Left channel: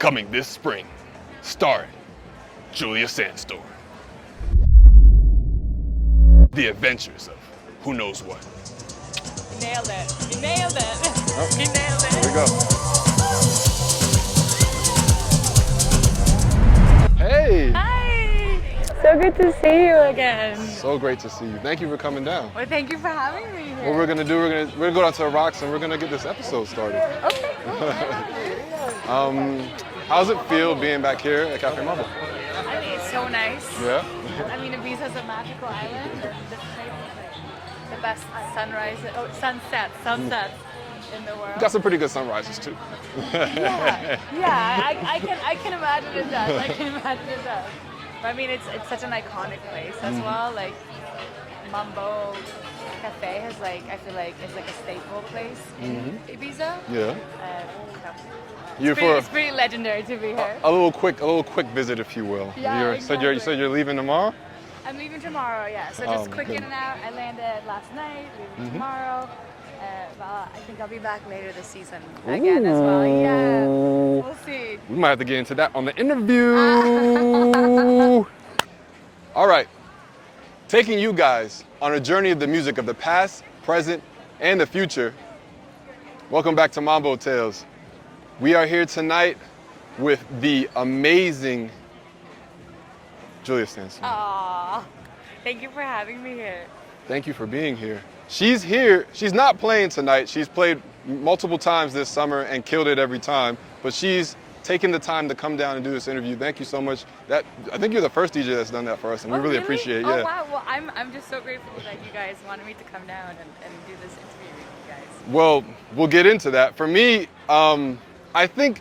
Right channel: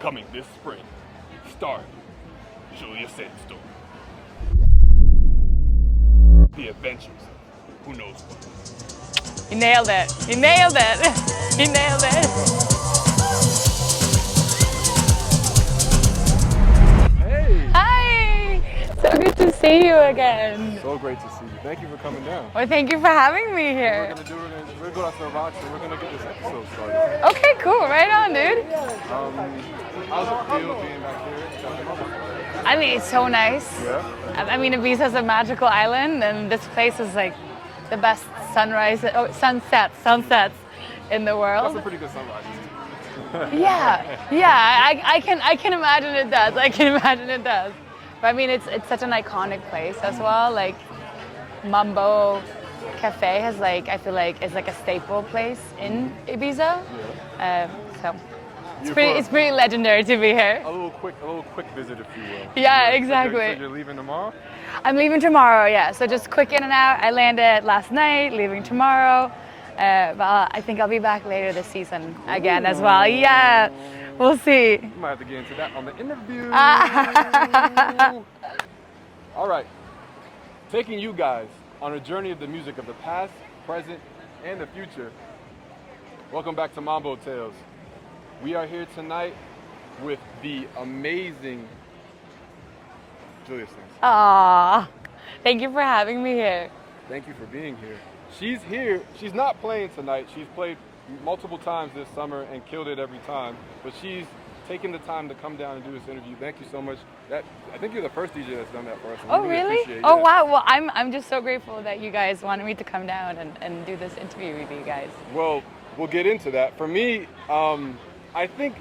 coming this spring, starring Julia Sandstorm. The adventures of who knows what. You nailed it. You nailed it. You nailed it. Hey! Hi! So good to see you again. So great to see you. Thank you for coming down. Well, thank you for having me here. What we're gonna do, we're gonna go down to the rocks and we're gonna get this episode started. Okay, cool. Right on, dude. How's it feel being back here at Café Mambo? I mean, it's so nice. Yeah? I mean, Ibiza is a magical island, and this place is like the best sunsets in the world. Got some pretty good sunrises too. I can imagine it does. I can imagine it does. But I mean, it's such an iconic place as well. Like Mambo Cafe has like, I feel like it's like a staple place in Ibiza. Yeah. So it's pretty legendary to be here. A little quick visit, if you will. Yeah, exactly. So you're leaving tomorrow? I'm leaving tomorrow, yeah. So just quick in and out. I landed last night, leaving tomorrow. But I think I'll be back later this season again as well. Yeah, we'll see. We might have to get into that on the interview. All right, taking you guys on a journey of the music of the past, present, and the future. Welcome back to Mambo Tales. We are here tonight with the amazing Julia Sandstorm. Aww, thank you for having me here. Thank you for being here. She's here. She's not playing tonight. She's played multiple times this summer and killed it every time. But she's taken the time to come down and do this interview. Thank you so much. I think you're the first DJ that's done that for us, and we really appreciate it. Oh, yeah. wow. Well, I'm just so grateful that you guys wanted me to come down and do this interview with you guys. Well, we'll get into that. For me, I think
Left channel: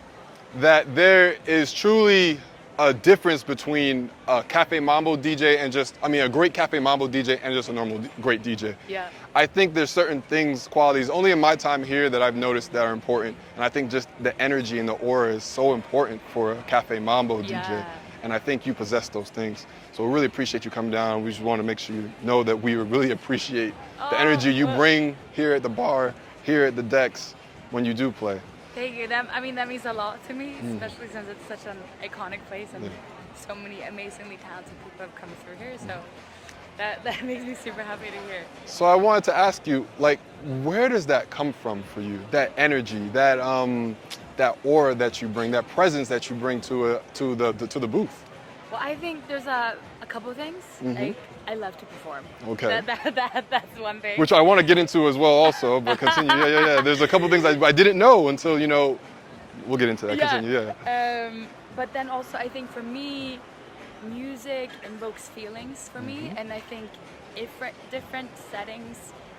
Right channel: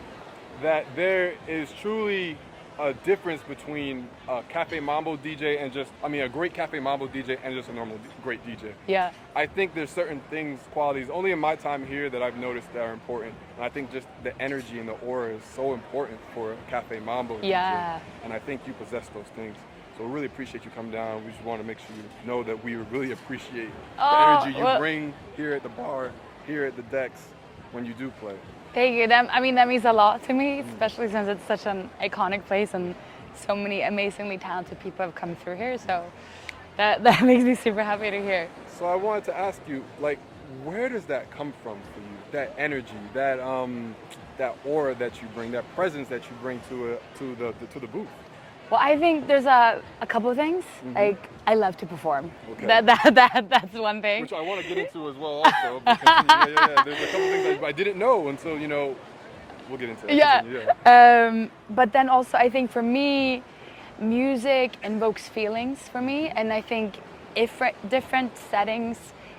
that there is truly a difference between a Café Mambo DJ and a great Café Mambo DJ and just a normal great DJ. Yeah. I think there's certain things, qualities, only in my time here that I've noticed that are important. And I think just the energy and the aura is so important for a Café Mambo DJ. And I think you possess those things. So we really appreciate you coming down. We just want to make sure you know that we really appreciate the energy you bring here at the bar, here at the decks when you do play. Thank you. That means a lot to me, especially since it's such an iconic place and so many amazingly talented people have come through here. So that makes me super happy to hear. So I wanted to ask you, like, where does that come from for you? That energy, that aura that you bring, that presence that you bring to the booth. Well, I think there's a couple of things. Like, I love to perform. Okay. That's one thing. Which I want to get into as well also, but continue. Yeah. There's a couple of things I didn't know until, we'll get into that. Yeah. Continue, but then also I think for me, music invokes feelings for me, and I think if different settings,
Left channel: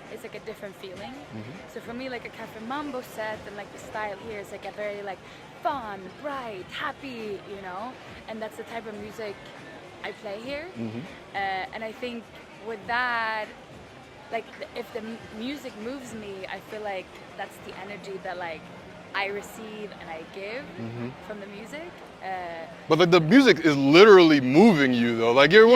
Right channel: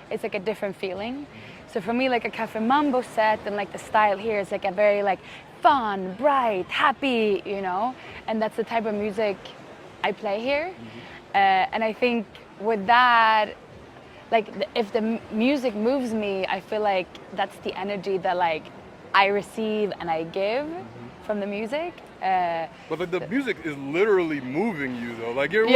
it's like a different feeling. So for me, like a Café Mambo set and like the style here is like a very like fun, bright, happy, and that's the type of music I play here. And I think with that, like if the music moves me, I feel like that's the energy that like I receive and I give from the music. But like the music is literally moving you though. Like you're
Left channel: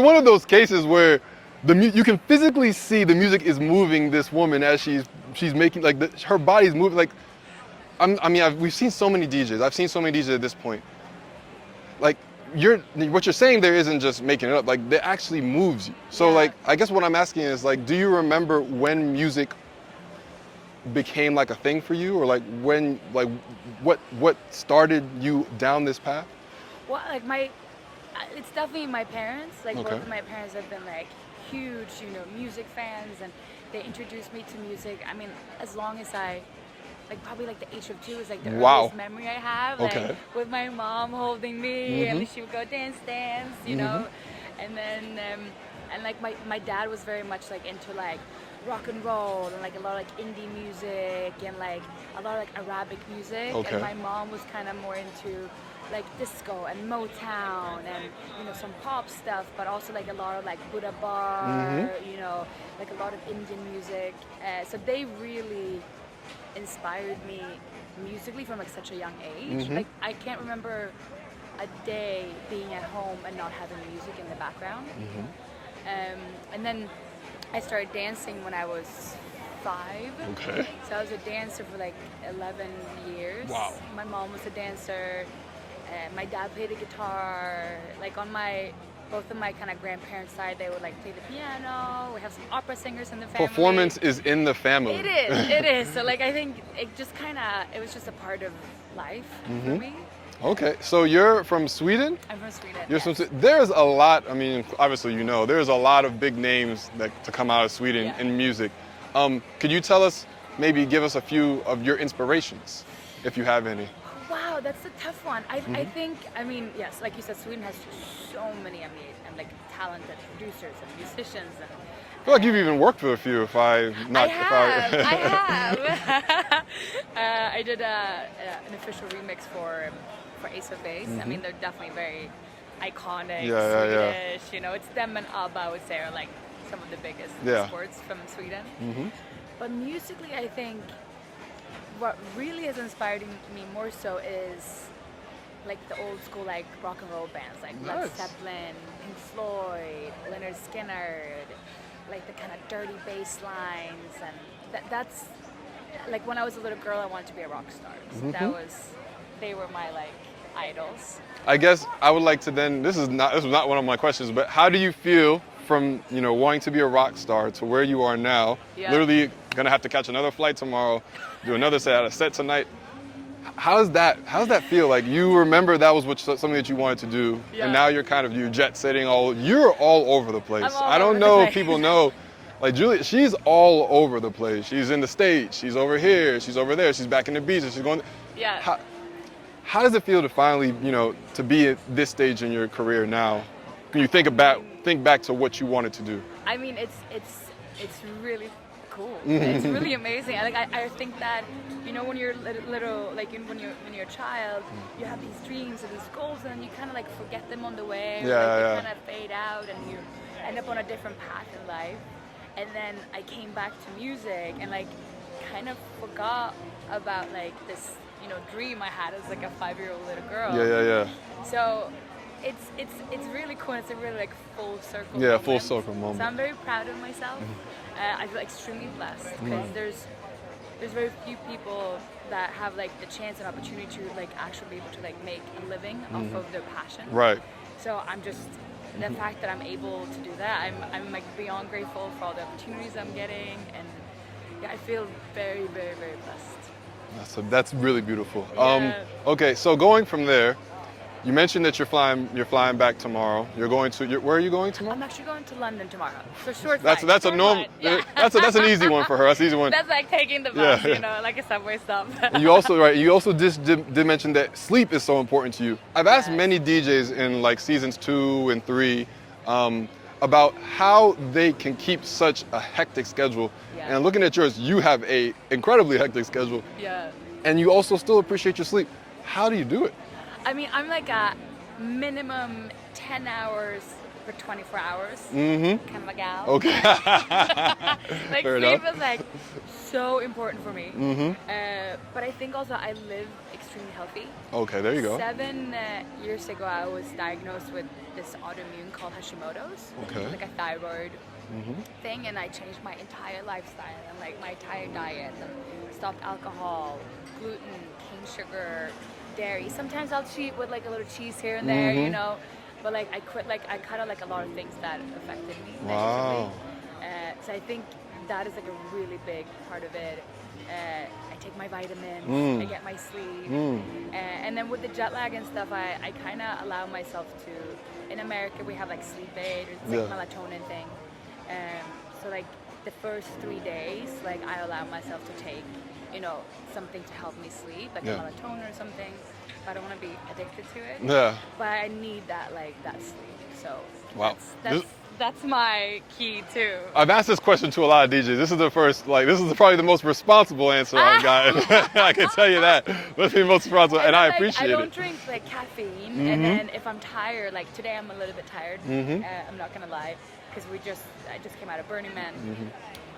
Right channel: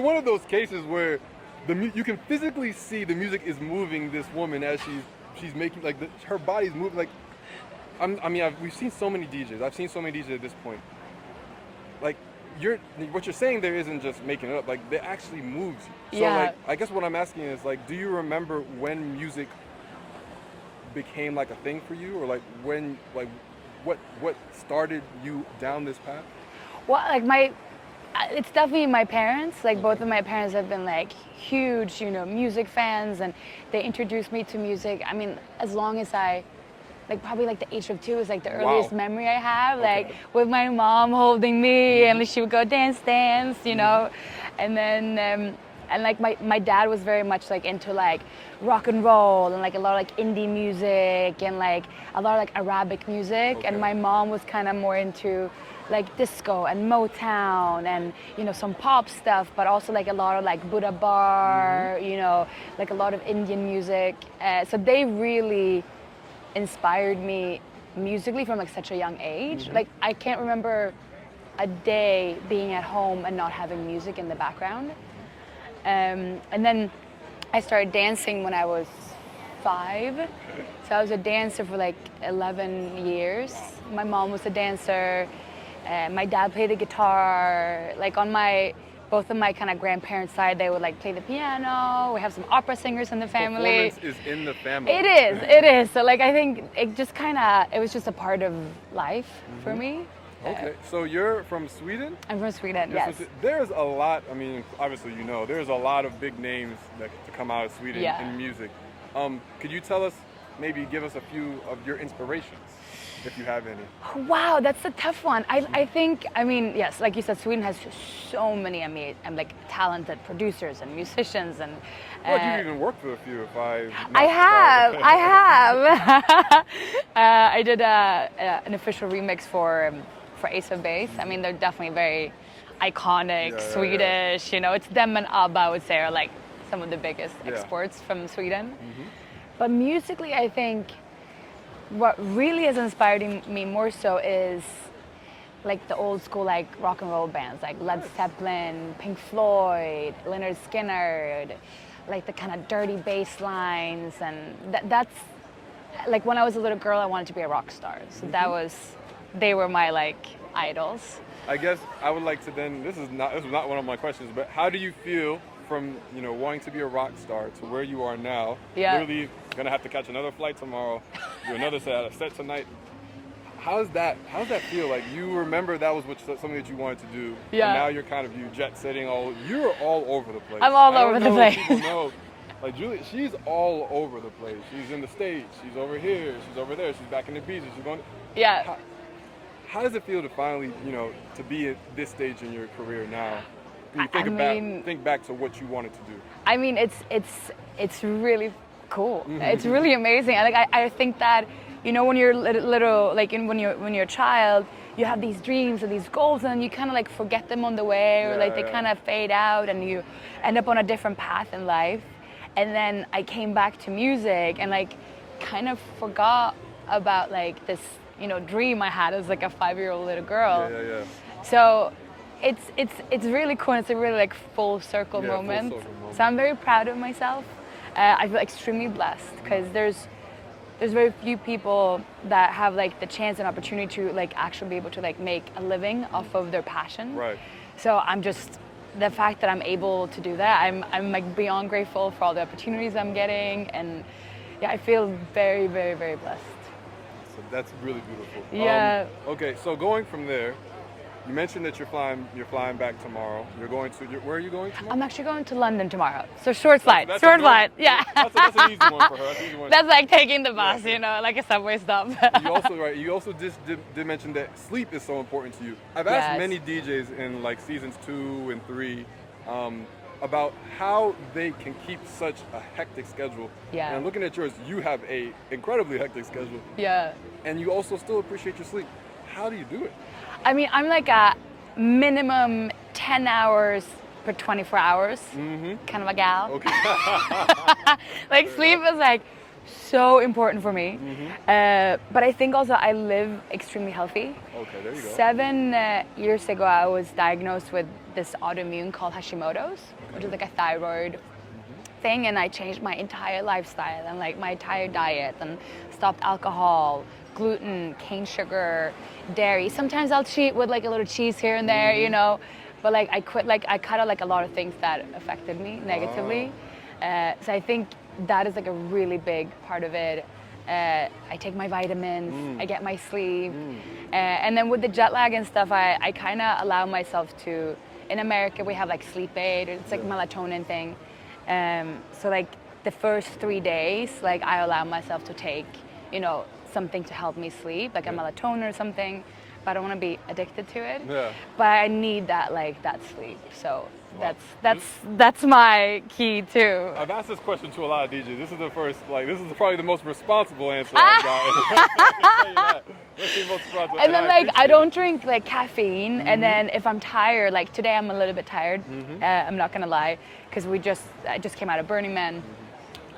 one of those cases where you can physically see the music is moving this woman as she's making her body's moving. Like we've seen so many DJs. I've seen so many DJs at this point. Like what you're saying there isn't just making it up. Like it actually moves you. So like I guess what I'm asking is like, do you remember when music became like a thing for you, or like when what started you down this path? Well, like it's definitely my parents. Like both of my parents have been like huge, music fans, and they introduced me to music. I mean, as long as probably like the age of 2 is like the earliest memory I have. Like with my mom holding me, and she would go dance, and then and like my dad was very much like into like rock and roll and like a lot of like indie music and like a lot of like Arabic music, and my mom was kind of more into like disco and Motown and some pop stuff, but also like a lot of like Buddha bar, like a lot of Indian music. So they really inspired me musically from like such a young age. Like I can't remember a day being at home and not having music in the background. And then I started dancing when I was 5. Okay. So I was a dancer for like 11 years. Wow. My mom was a dancer. My dad played the guitar. Like on both of my kind of grandparents' side, they would like play the piano. We have some opera singers in the family. Performance is in the family. It is. So like I think it just it was just a part of life for me. Okay, so you're from Sweden? I'm from Sweden, You're yes. There's a lot, I mean, obviously you know, there's a lot of big names to come out of Sweden in music. Could you tell us, maybe give us a few of your inspirations, if you have any? Wow, that's a tough one. I think, I mean, yes, like you said, Sweden has just so many amazing, like talented producers and musicians and. I feel like you've even worked with a few. I have. I did an official remix for Ace of Base. I mean, they're definitely very iconic, Swedish. You know, it's them and ABBA, I would say, are like some of the biggest exports from Sweden. But musically, I think what really has inspired me more so is like the old school like rock and roll bands like Led Zeppelin, Pink Floyd, Lynyrd Skynyrd, like the kind of dirty bass lines, and that's like when I was a little girl I wanted to be a rock star. So they were my like idols. I guess I would like to then, this is not one of my questions, but how do you feel from, you know, wanting to be a rock star to where you are now? Literally gonna have to catch another flight tomorrow, do another set tonight. How does that feel? Like you remember that was something that you wanted to do, and now you're jet setting you're all over the place. I don't know if people know, like Julia, she's all over the place. She's in the States, she's over here, she's over there, she's back in Ibiza, she's going. Yeah. How does it feel to finally, you know, to be at this stage in your career now? Can you think back to what you wanted to do? I mean, it's really cool. It's really amazing. I think that, you know, when you're little, like when you're a child, you have these dreams and these goals, and you kind of like forget them on the way, or like they kind of fade out, and you end up on a different path in life. And then I came back to music and like kind of forgot about like this, you know, dream I had as like a 5-year-old little girl. Yeah. So it's really cool. It's a really like full circle moment. Yeah, full circle moment. So I'm very proud of myself. I feel extremely blessed because there's very few people that have like the chance and opportunity to like actually be able to like make a living off of their passion. Right. So I'm just, the fact that I'm able to do that, I'm like beyond grateful for all the opportunities I'm getting, and yeah, I feel very, very, very blessed. So that's really beautiful. Yeah. Okay, so going from there, you mentioned that you're flying back tomorrow. Where are you going tomorrow? I'm actually going to London tomorrow. So short flight. That's Yeah. That's an easy one for her. That's an easy one. That's like taking the bus, you know, like a subway stop. You also did mention that sleep is so important to you. I've asked many DJs in like seasons 2 and 3 about how they can keep such a hectic schedule. Yeah. And looking at yours, you have a incredibly hectic schedule. Yeah. And you also still appreciate your sleep. How do you do it? I mean, I'm like a minimum 10 hours for 24 hours kind of a gal. Okay. Like Fair sleep enough. is like so important for me. But I think also I live extremely healthy. Okay, there you go. 7 years ago, I was diagnosed with this autoimmune called Hashimoto's, which is like a thyroid thing, and I changed my entire lifestyle and like my entire diet and stopped alcohol, gluten, cane sugar, dairy. Sometimes I'll cheat with like a little cheese here and there, you know, but like I cut out like a lot of things that affected me negatively. So I think that is like a really big part of it. I take my vitamins, I get my sleep, and then with the jet lag and stuff, I kind of allow myself to. In America, we have like sleep aid. It's like melatonin thing. So like the first 3 days, like I allow myself to take, you know, something to help me sleep, like a melatonin or something. But I don't want to be addicted to it. Yeah. But I need that sleep. So that's my key too. I've asked this question to a lot of DJs. This is probably the most responsible answer I've gotten. I can tell you that. That's the most responsible, and I appreciate it. I don't drink like caffeine, and then if I'm tired, like today I'm a little bit tired. I'm not gonna lie, because I just came out of Burning Man.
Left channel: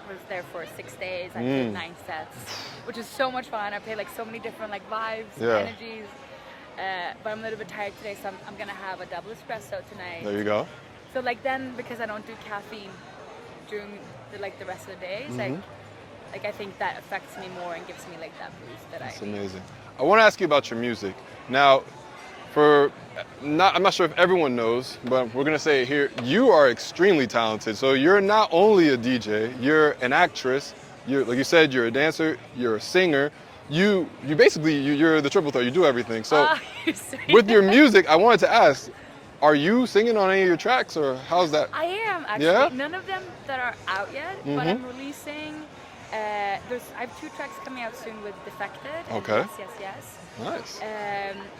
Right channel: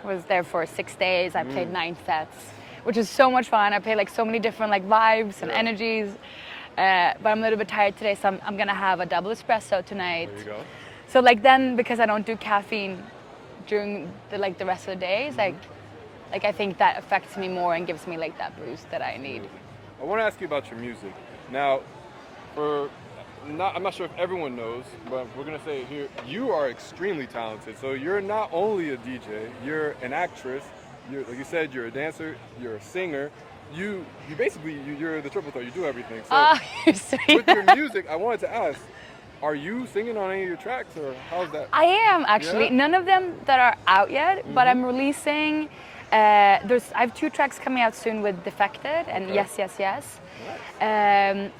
I was there for 6 days. I played 9 sets, which was so much fun. I played like so many different like vibes and energies. But I'm a little bit tired today, so I'm gonna have a double espresso tonight. There you go. So like then, because I don't do caffeine during the rest of the days, like like I think that affects me more and gives me like that boost that I need. Amazing. I want to ask you about your music. Now, I'm not sure if everyone knows, but we're gonna say it here. You are extremely talented. So you're not only a DJ, you're an actress. You're, like you said, you're a dancer. You're a singer. You're the triple threat. You do everything. So You're sweet. with your music, I wanted to ask, are you singing on any of your tracks, or how's that? I am actually. Yeah? None of them that are out yet, but I'm releasing. I have 2 tracks coming out soon with Defected and Okay. Yes Yes Yes. Nice.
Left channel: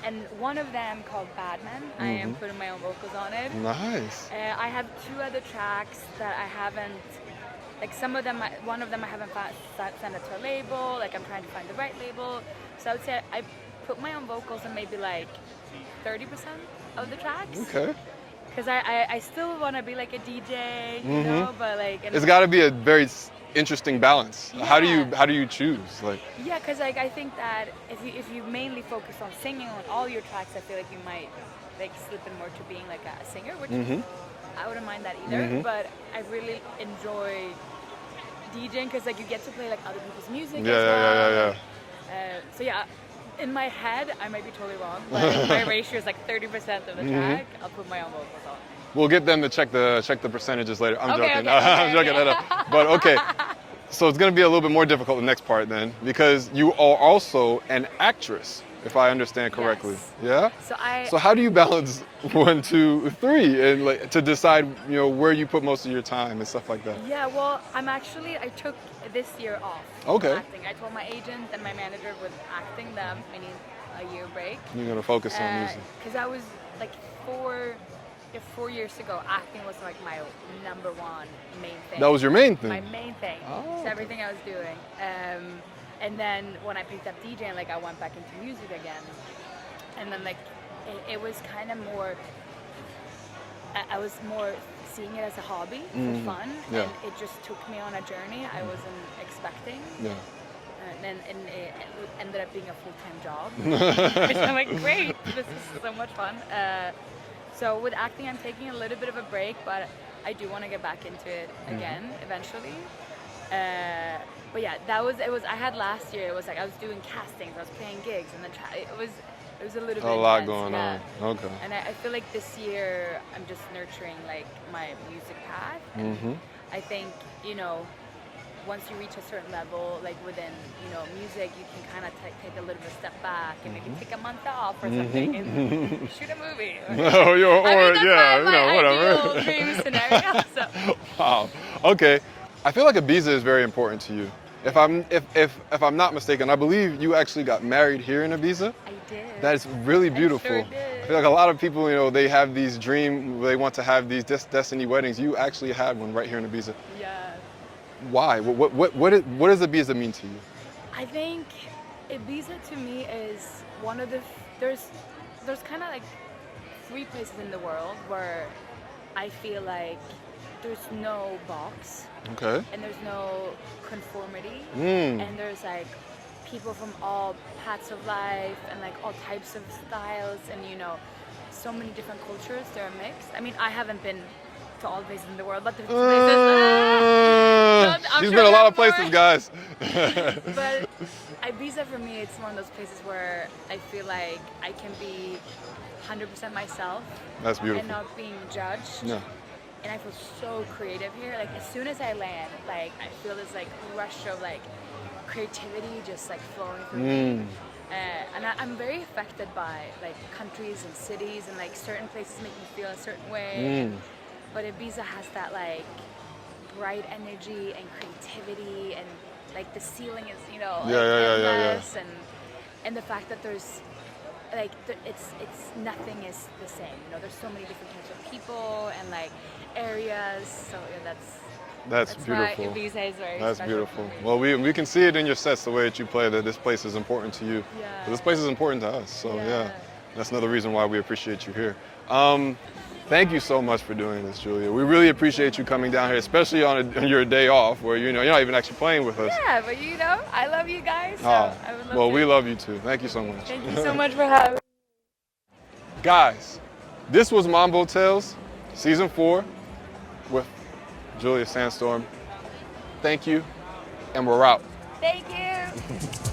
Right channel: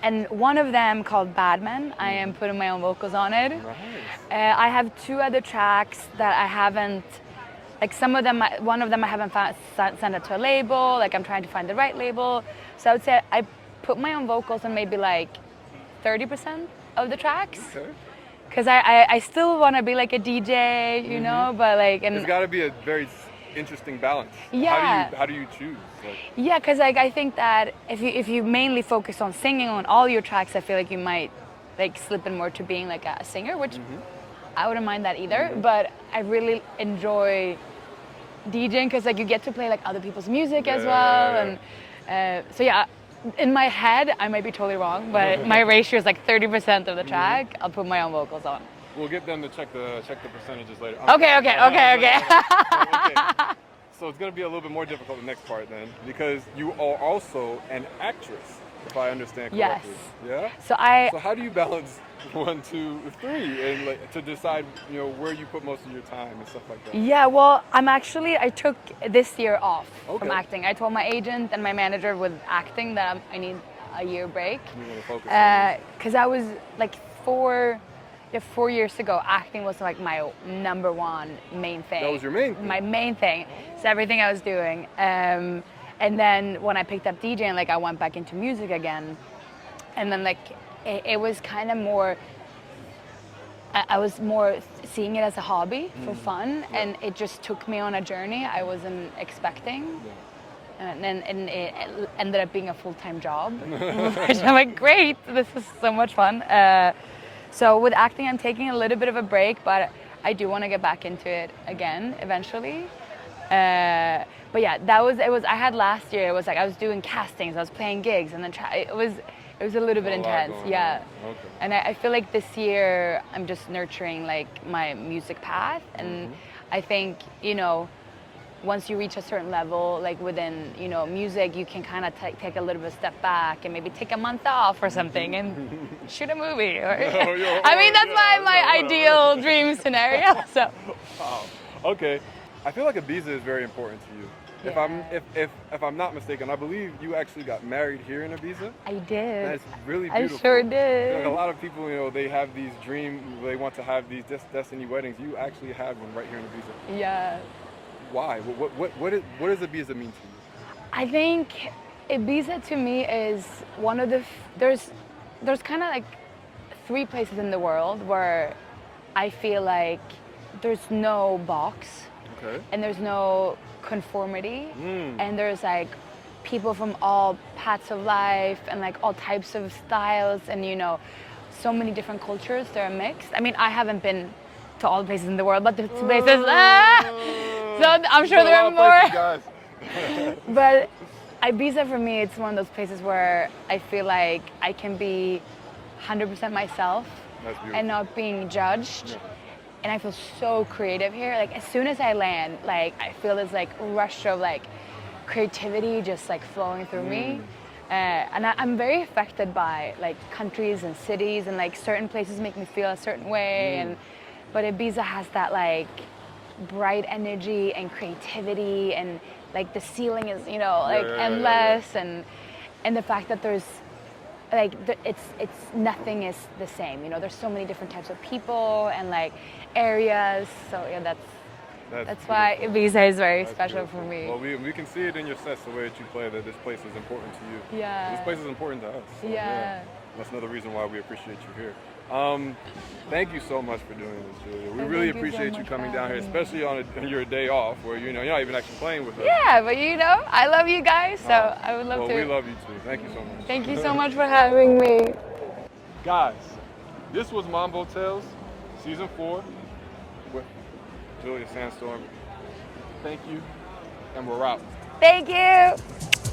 And one of them called Badman. I am putting my own vocals on it. Nice. I have 2 other tracks that I haven't. Like some of them, one of them I haven't sent it to a label. Like I'm trying to find the right label. So I would say I put my own vocals on maybe like 30% of the tracks. Okay. Because I still want to be like a DJ, you know, but like It's got to be a very interesting balance. Yeah. How do you choose? Like, yeah, because like I think that if you mainly focus on singing on all your tracks, I feel like you might like slip in more to being like a singer, which I wouldn't mind that either. But I really enjoy DJing because like you get to play like other people's music as well. And, so yeah. In my head, I might be totally wrong, but my ratio is like 30% of the track. I'll put my own vocals on. We'll get them to check the percentages later. I'm Okay, joking. okay, I'm okay, joking. okay. But okay, so it's gonna be a little bit more difficult the next part then, because you are also an actress, if I understand correctly. Yes. Yeah. So So how do you balance 1, 2, 3, and like to decide, you know, where you put most of your time and stuff like that? Yeah, well, I took this year off Okay. from acting. I told my agent and my manager with acting that I need a year break. You're gonna focus on music. Because I was like 4 years ago, acting was like my number 1 main thing. That was your main thing? My main thing. It's everything I was doing. And then when I picked up DJing, like I went back into music again. And then like it was kind of more, I was more seeing it as a hobby for fun, and it just took me on a journey I wasn't expecting. Yeah. And it ended up being a full-time job. Which I'm like, great, this is so much fun. So with acting, I'm taking a little bit of a break, but I do want to get back into it again eventually. But yeah, I had last year, it was like I was doing castings, I was playing gigs, and then it was a little bit A lot intense. going Yeah. on. Okay. And I feel like this year I'm just nurturing like my music path, and I think, you know, once you reach a certain level, like within, you know, music, you can kind of take a little bit of a step back and maybe take a month off or something and shoot a movie. Or, I mean, that's my ideal dream scenario. So. Wow. Okay. I feel like Ibiza is very important to you. If I'm not mistaken, I believe you actually got married here in Ibiza. I did. That's really beautiful. I sure did. I feel like a lot of people, you know, they have these dreams, they want to have these destiny weddings. You actually had one right here in Ibiza. Yeah. Why? What does Ibiza mean to you? I think Ibiza to me is one of the there's kind of like 3 places in the world where I feel like there's no box. Okay. And there's no conformity, and there's like people from all paths of life and like all types of styles, and you know, so many different cultures that are mixed. I mean, I haven't been to all the places in the world, but the places. I'm You've sure been a there lot are of places, more. guys. But Ibiza for me, it's one of those places where I feel like I can be 100% myself. That's beautiful. And not being judged. Yeah. And I feel so creative here. Like as soon as I land, like I feel this like rush of like creativity just like flowing through me. And I'm very affected by like countries and cities, and like certain places make me feel a certain way. But Ibiza has that like bright energy and creativity, and like the ceiling is, you know, like endless, and the fact that there's like it's nothing is the same. You know, there's so many different types of people and like areas. So yeah, that's why Ibiza is very special for me. Well, we can see it in your sets, the way that you play, that this place is important to you. Yeah. This place is important to us. So Yeah. that's another reason why we appreciate you here. Thank you so much for doing this, Julia. We really appreciate you coming down here, especially on your day off, where you know you're not even actually playing with us. Yeah, but you know, I love you guys, so I would love to. Well, we love you too. Thank you so much. Thank you so much for having me. Guys, this was Mambo Tales, Season 4, with Julia SANDSTORM. Thank you. and we're out. Thank you.